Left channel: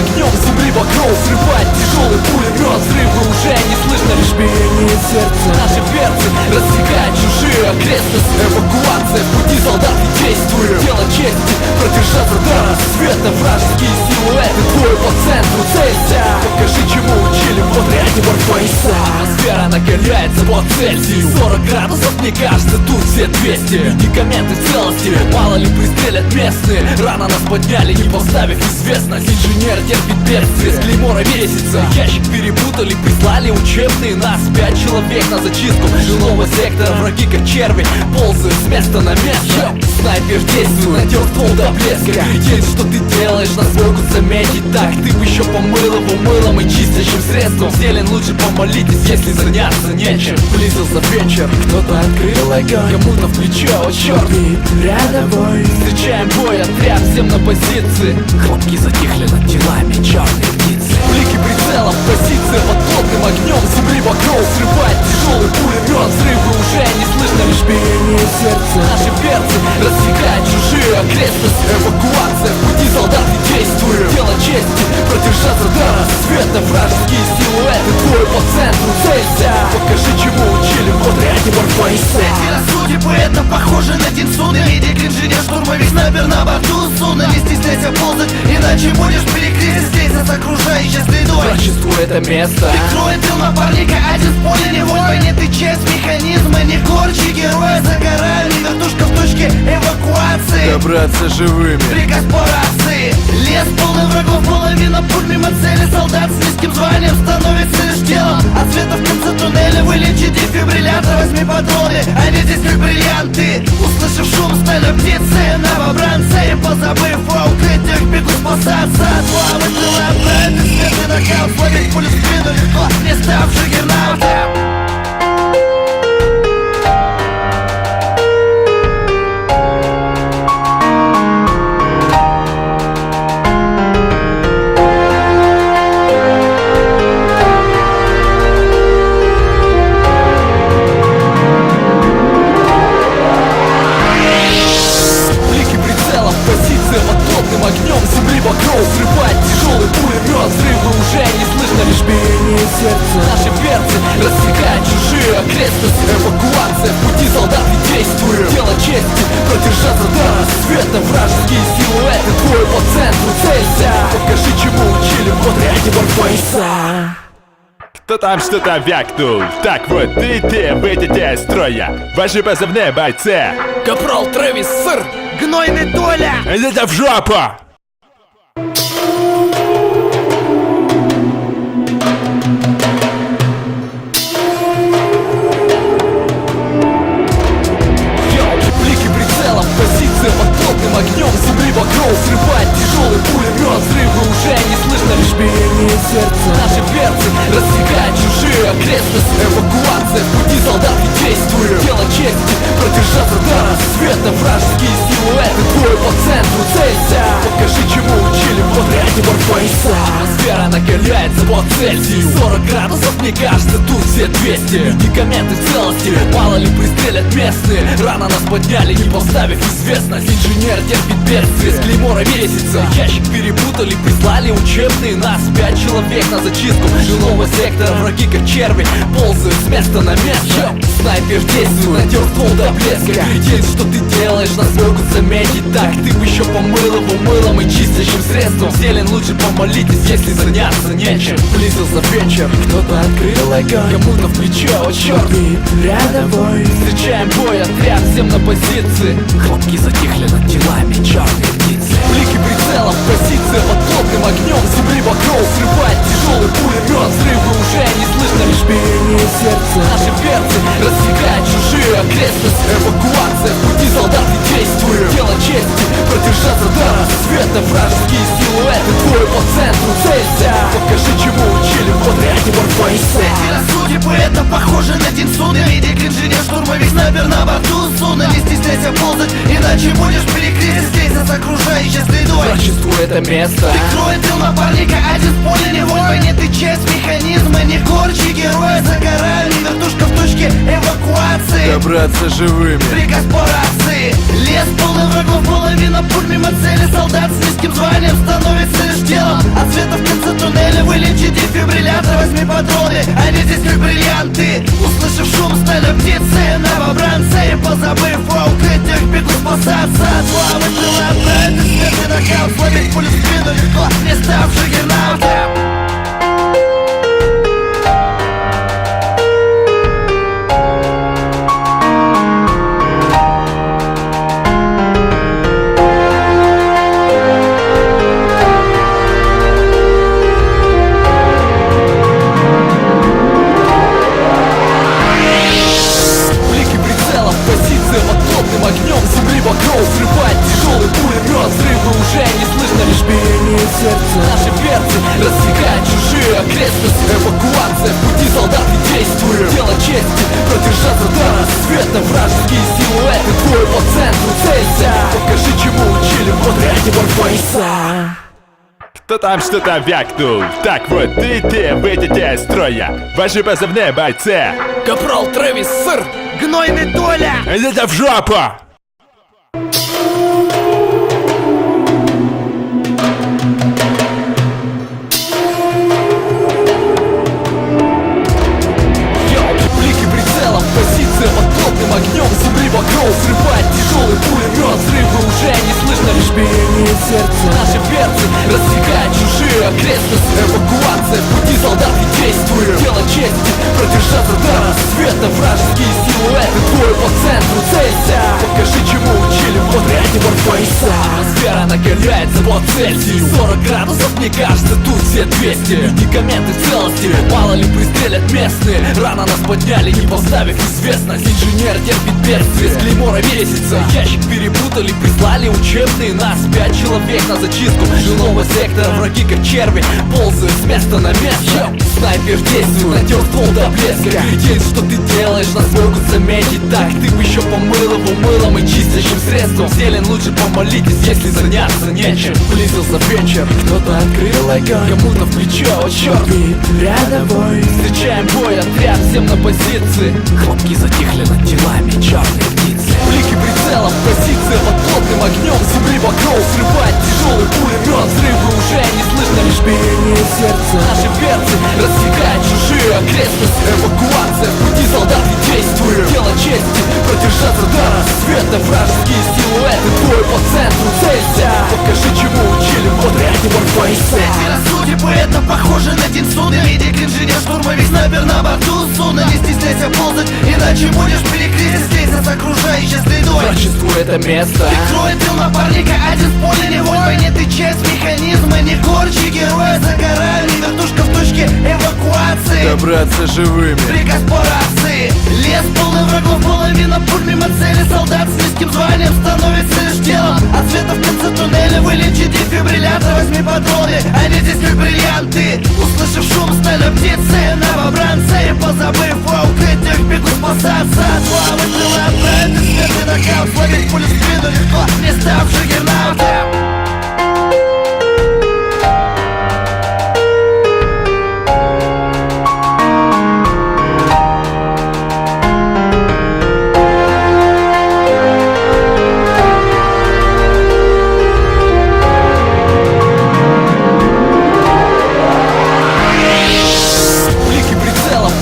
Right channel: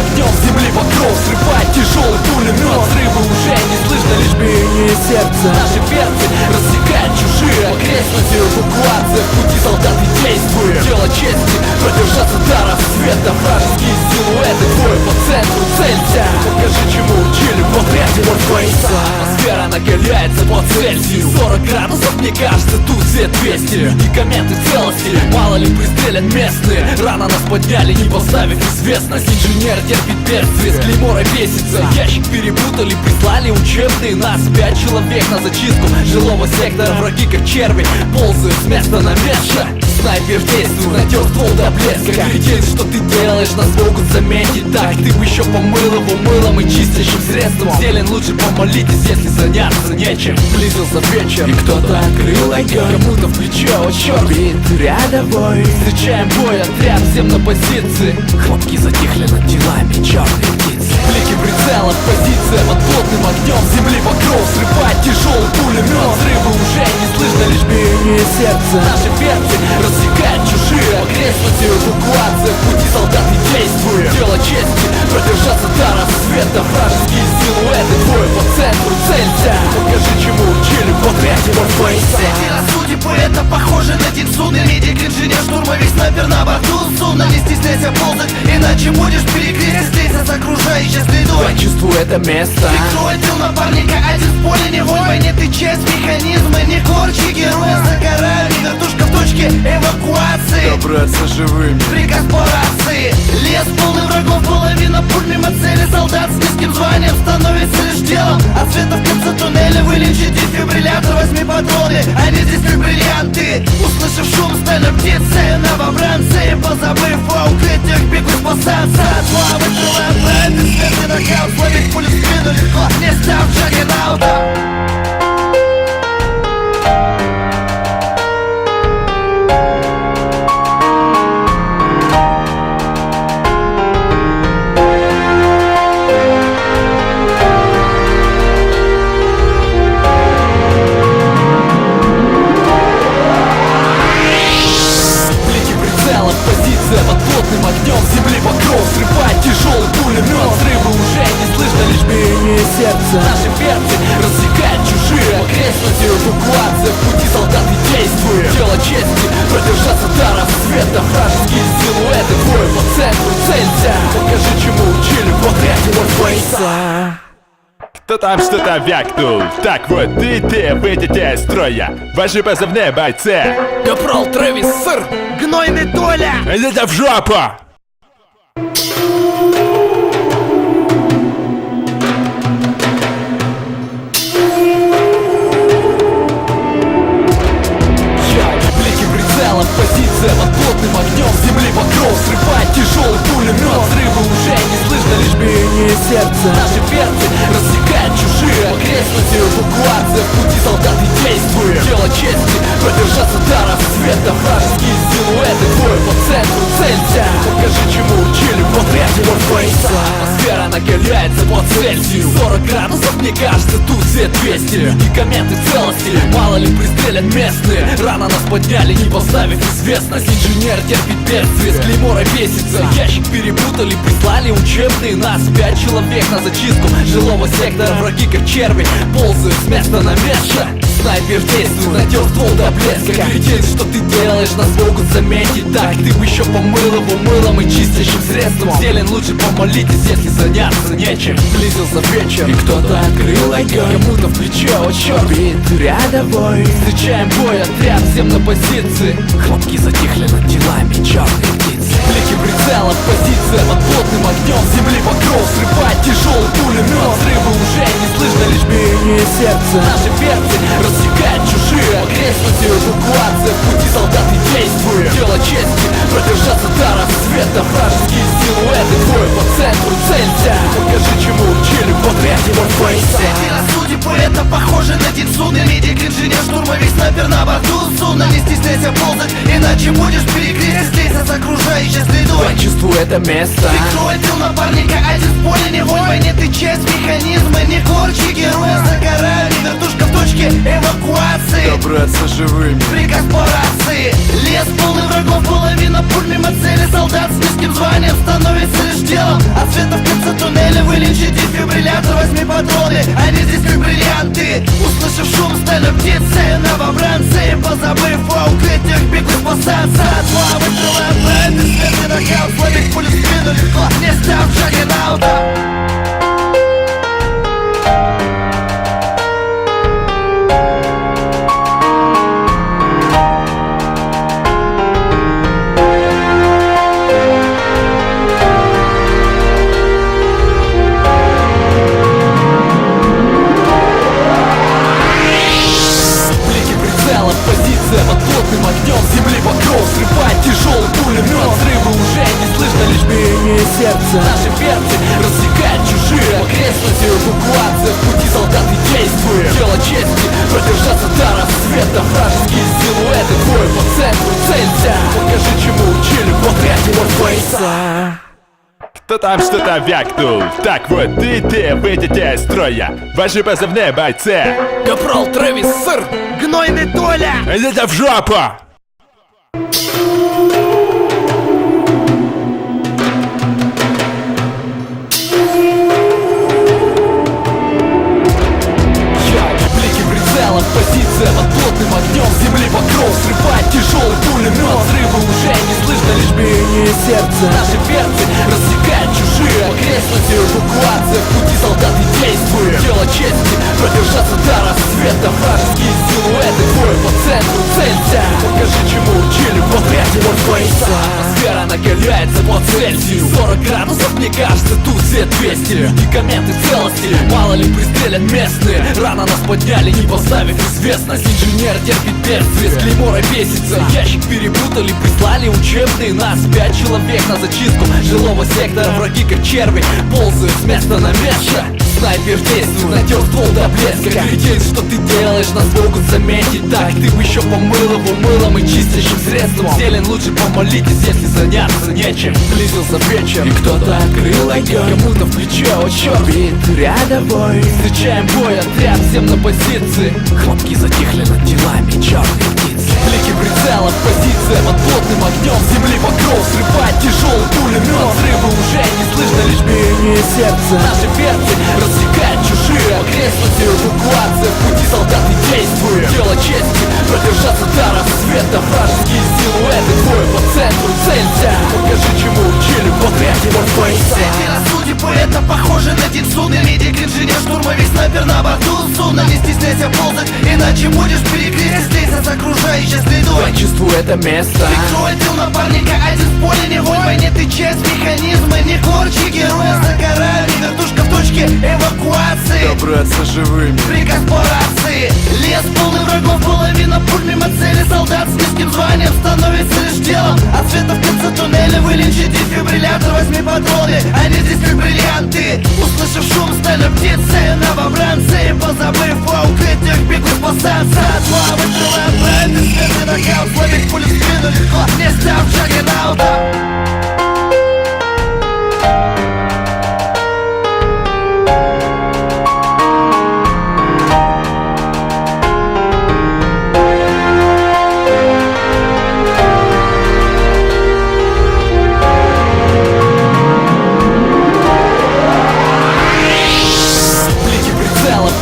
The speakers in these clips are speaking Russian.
огнем земли покров срывает тяжелый пулемет. Взрывы уже не слышно, лишь биение сердца. Наши перцы рассекают чужие окрестности. Эвакуация в пути солдат и действуют. Дело чести продержаться до рассвета. Вражеские силуэты, двое по центру целься. Покажи, чему учили в отряде Морфейса. Атмосфера накаляется по Цельсию. 40 градусов, мне кажется, тут все 200. Медикаменты в целости, мало ли пристрелят местные. Рано нас подняли, не поставив известность. Инженер терпит бедствие, с клеймора весится. Ящик перепутали, прислали учебные. Нас 5 человек на зачистку жилого сектора. Враги как черви ползают с места на место. Снайпер действует, натер ствол до блеска. Кретин, что ты делаешь, нас могут заметить. Так, ты бы еще помыл его мылом и чистящим средством. Зелень, лучше помолитесь, если заняться нечем. Близился вечер, кто-то открыл огонь. Кому-то в плечо, о черт, реально бой. Встречаем бой, отряд, всем на позиции. Хлопки затихли над телами, черные птицы. Блики прицелов, позиция под плотным огнем. Земли покров срывает тяжелый пулемет. Взрывы уже не слышно, лишь биение сердца. Наши перцы рассекают чужие окрестности. Эвакуация в пути солдат и действуют. Дело чести продержаться до рассвета. Вражеские силуэты, двое по центру целься. Покажи, чему учили в отряде Морфейса. Эти судьбы, это похоже на День Суны. Медик, инженер, штурмовик, снайпер на борту. Суна, не стесняйся ползать, иначе будешь перекрестить. Слейся с окружающей средой. Я чувствую это место. Прикроет тыл напарника, один в поле не воин. В войне ты часть механизма, не горчи героя. За горами, вертушка в точке эвакуации. Добраться живым. Приказ по рации. Лес полный врагов, половина пуль мимо цели. Солдат с низким званием становится лишь телом. От света в конце туннеля вылечи дефибриллятор. Возьми патроны, они здесь как бриллианты. Услышав шум, стали птицы, новобранцы. Позабыв о укрытиях, бегут спасаться от славы. Целая правда, свет и нокаут. Словить пулю в спину легко, не став джаггернаутом. Позиция под плотным огнем земли покров срывает тяжелый пулемет. Взрывы уже не слышно, лишь биение сердца. Наши перцы рассекают чужие окрестности. Эвакуация в пути солдат и действуют. Дело чести продержаться до рассвета. Вражеские силуэты, двое по центру целься. Покажи, чему учили в отряде Морфейса. Кто там что-то вякнул? Так вот, ты выйдете из строя. Ваши позывные, бойцы. Капрал Трэвис, сэр. Гнойный Толя! Идите в жопу! Блики прицелов, позиция под плотным огнем. Земли покров срывает тяжелый пулемет. Взрывы уже не слышно, лишь биение сердца. Наши перцы рассекают чужие окрестности. Эвакуация в пути солдат и действуют. Дело чести продержаться до рассвета. Вражеские силуэты, двое по центру целься. Покажи, чему учили в отряде Морфейса. Атмосфера накаляется по Цельсию. 40 градусов, мне кажется, тут все 200. Медикаменты в целости, мало ли пристрелят местные. Рано нас подняли, не поставив известность. Инженер терпит бедствие, с клеймора весится. Ящик перепутали, прислали учебные. Нас 5 человек на зачистку жилого сектора. Враги как черви ползают с места на место. Снайпер действует, натер ствол до блеска. Кретин, что ты делаешь, нас могут заметить. Так, ты бы еще помыл его мылом и чистящим средством. Зелень, лучше помолитесь, если заняться нечем. Близился вечер, кто-то открыл огонь. Кому-то в плечо, о черт, реально бой. Встречаем бой, отряд, всем на позиции. Хлопки затихли над телами, черные птицы. Блики прицелов, позиция под плотным огнем. Земли покров срывает тяжелый пулемет. Взрывы уже не слышно, лишь биение сердца. Наши перцы рассекают чужие окрестности. Эвакуация в пути солдат и действуют. Дело чести продержаться до рассвета. Вражеские силуэты, двое по центру целься. Покажи, чему учили в отряде Морфейса. Эти судьбы, это похоже на День Суны. Медик, инженер, штурмовик, снайпер на борту. Суна, не стесняйся ползать, иначе будешь перекрестить. Слейся с окружающей средой. Я чувствую это место. Прикроет тыл напарника, один в поле не воин. В войне ты часть механизма, не горчи героя. За горами, вертушка в точке эвакуации. Добраться живым. Приказ по рации. Лес полный врагов, половина пуль мимо цели. Солдат солдат с низким званием становится лишь делом. А света в конце туннеля вылечи дефибриллятор, возьми патроны, они здесь как бриллианты. Услышав шум, стали птицы, новобранцы, позабыв о укрытиях, бегут спасаться от славы, крыла отправить их смертный нокаут. Словить пулю в спину легко, не став джаггернаутом. Позиция под плотным огнем земли покров срывает тяжелый пулемет. Взрывы уже не слышно, лишь биение сердца. Наши перцы рассекают чужие окрестности. Эвакуация, в пути солдаты действуют. Дело чести, продержаться до рассвета. Вражеские силуэты, двое по центру целься. Покажи, чему учили в отряде Морфейса. Кто там что-то вякнул? Так вот, ты выйдете из строя. Ваши позывные, бойцы. Капрал Трэвис, сэр. Гнойный Толя! Идите в жопу! Йоу, блики прицелов, позиция под плотным огнем земли покров срывает тяжелый пулемет. Взрывы уже не слышно, лишь биение сердца. Наши перцы рассекают чужие окрестности. Эвакуация, в пути солдаты действуют. Дело чести, продержаться до рассвета. Вражеские силуэты, двое по центру целься. Покажи, чему учили в отряде Морфейса. Атмосфера накаляется по Цельсию. 40 градусов, мне кажется, тут все 200. Медикаменты в целости, мало ли пристрелят местные. Рано нас подняли, не поставив известность. Инженер терпит бедствие, с клеймора бесится. Ящик перепутали, прислали учебные. Нас 5 человек на зачистку жилого сектора. Враги как черви ползают с места на место. Снайпер действует, натер ствол до блеска. Кретин, что ты делаешь, нас могут заметить. Так, ты бы еще помыл его мылом и чистящим средством. Зелень, лучше помолитесь, если заняться нечем. Близился вечер, кто-то открыл огонь. Кому-то в плечо, о черт, реально бой. Встречаем бой, отряд, всем на позиции. Хлопки затихли над телами, черные птицы. Блики прицелов, позиция под плотным огнем земли покров срывает тяжелый пулемет. Взрывы уже не слышно, лишь биение сердца. Наши перцы рассекают чужие окрестности. Эвакуация, в пути солдаты действуют. Дело чести, продержаться до рассвета. Вражеские силуэты, двое по центру целься. Покажи, чему учили в отряде Морфейса. Эти судьбы, это похоже на день суны. Медик, инженер, штурмовик, снайпер на борту суна. Не стесняйся ползать, иначе будешь перекрестить. Слейся с окружающей средой. Чувствую это место. Прикрой тыл напарника, один в поле не вонь. В войне ты часть механизма, не корчи героя. За горами, вертушка в точке эвакуации. Добраться живым. Приказ по рации. Лес полный врагов, половина пуль мимо цели. Солдат с низким званием становится лишь делом. А света в конце туннеля вылечи дефибриллятор, возьми патроны, они здесь как бриллианты. Услышав шум, стали птицы, новобранцы, позабыв о укрытиях, бегут спасаться от славы, крыла отправить их смертный нокаут. Словить пулю в спину легко, не став джаггернаутом.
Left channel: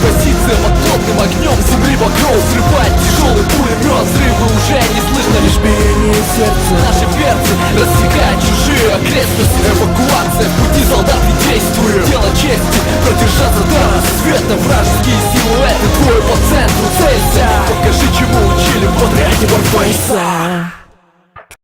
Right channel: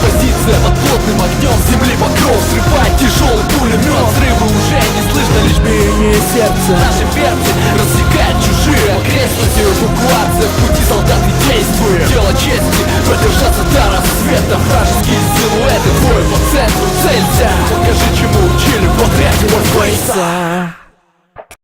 Позиция под плотным огнем земли покров срывает тяжелый пулемет. Взрывы уже не слышно, лишь биение сердца. Наши перцы рассекают чужие окрестности. Эвакуация, в пути солдаты действуют. Дело чести, продержаться до рассвета. Вражеские силуэты, двое по центру